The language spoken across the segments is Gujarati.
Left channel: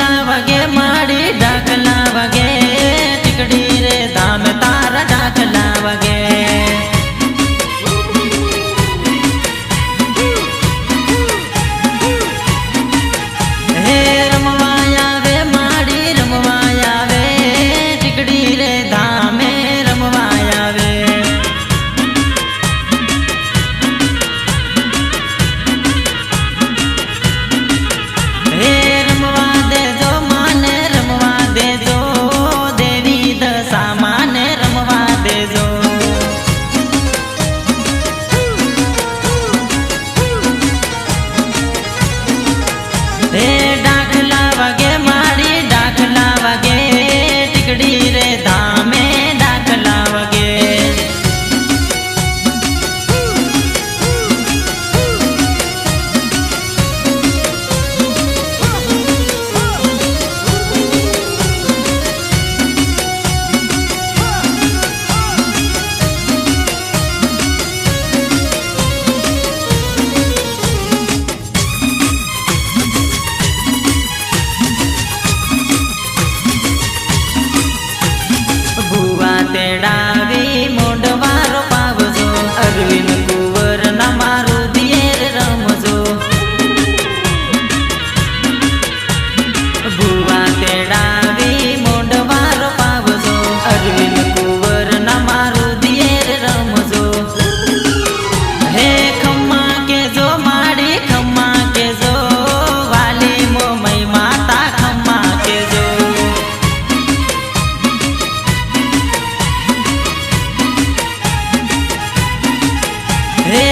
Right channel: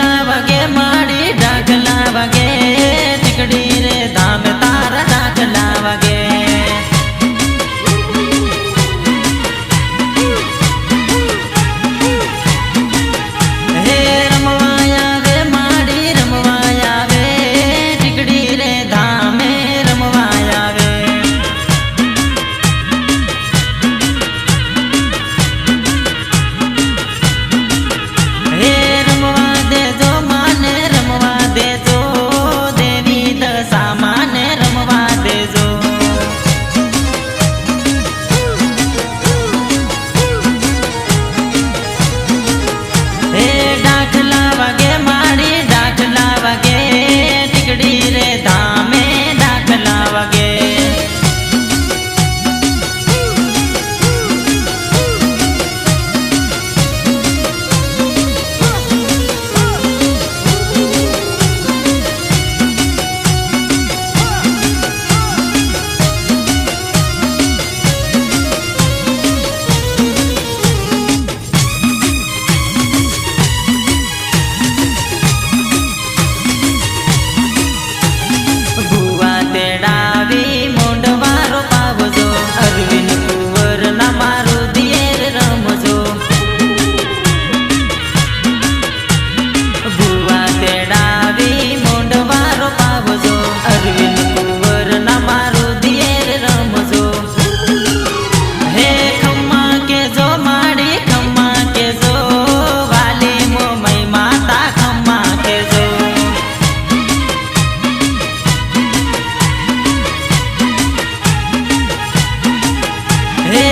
વાગે માડી ડાકલા વગે. ટીકડી રે ધામ તારા ડાકલા વાગે. ડાકલા વાગે મારી ડાકલા વાગે ટીકડી રે ધામે ડાકલા વાગે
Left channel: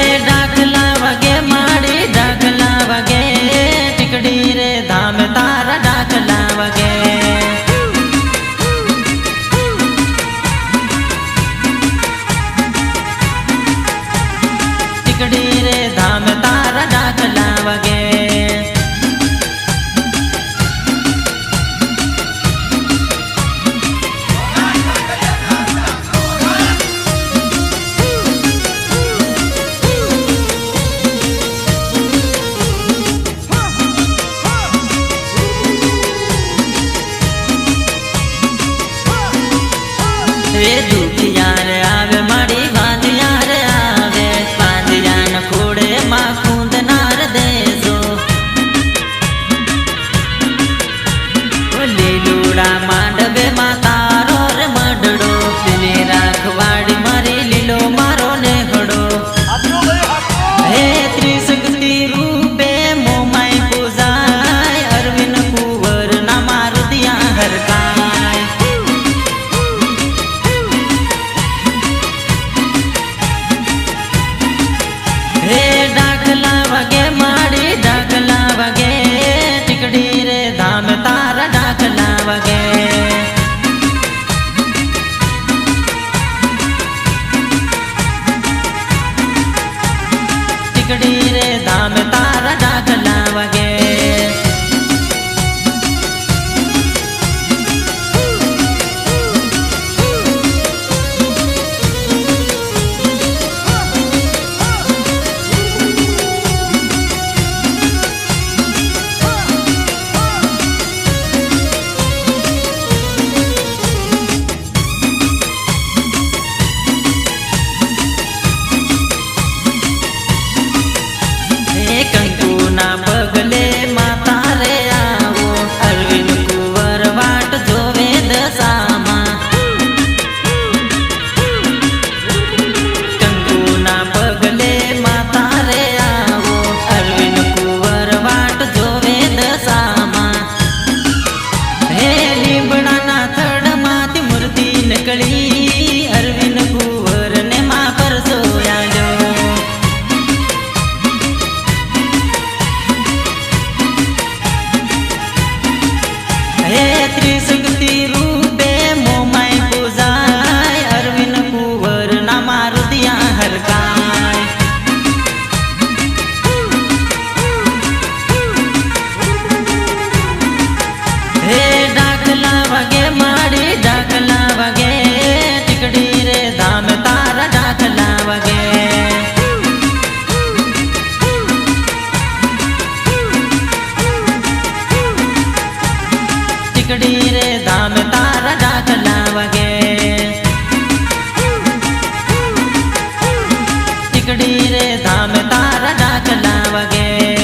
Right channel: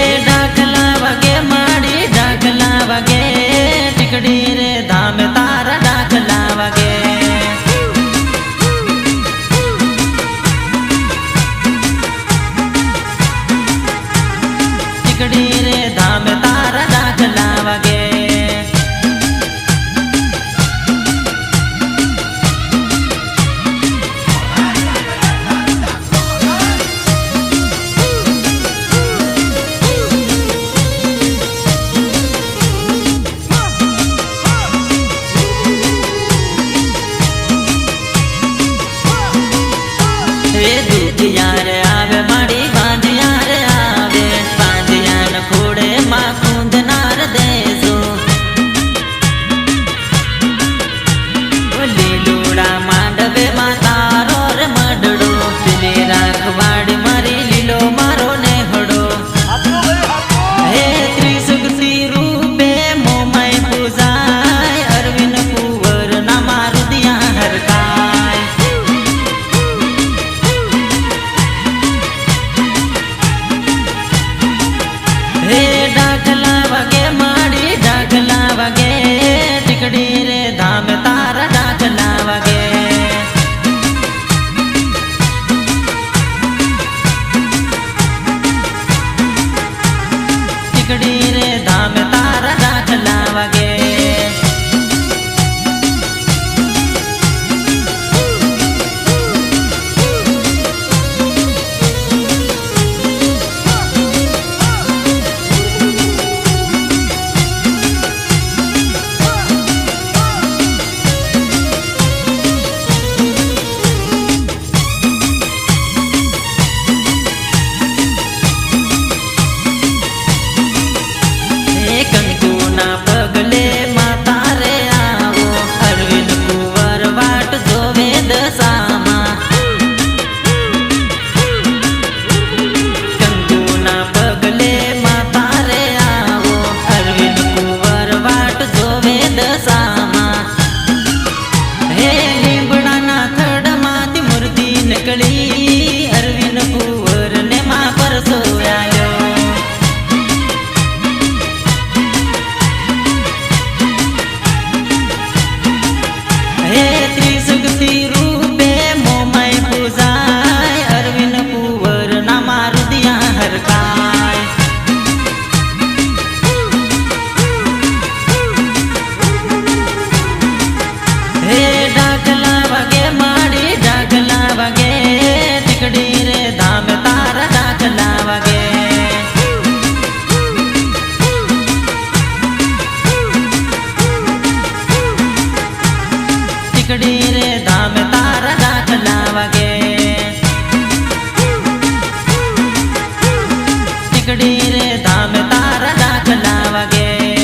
ડાકલા વગે માડી, ડાકલા વગે. ટીકડી રે ધામ તારા ડાકલા વગે. ટીકડી રે ધામ તારા ડાકલા વાગે. હે દુખિયાર હે ડાકલા વાગે માડી ડાકલા વાગે. ટીકડી રે ધામ, તારા ડાકલા વાગે. ટીકડી રે ધામ, તારા ડાકલા વાગે. કંકુના પગલે માતા રે આવો. અરવિંદ કુંવર વાટ જોવે દશામાં. કંકુના પગલે માતા રે આવો. અરવિંદ કુંવર વાટ જોવે દશામાં. હે લીમડાના થડમાંથી મૂર્તિ નકળી. અરવિંદ કુંવર ને માં પર સોયાલ્યો હે ત્રિશક્તિ રૂપે મોમાય પૂજાય અરવિંદ કુંવર ના મારું દિયા હરકાય હે ડાકલા વાગે માડી ડાકલા વાગે ટીકડી રે ધામ તારા ડાકલા વાગે ટીકડી રે ધામ તારા ડાકલા વાગે ચીકડી રે ધામ તારા ડાકલા વાગે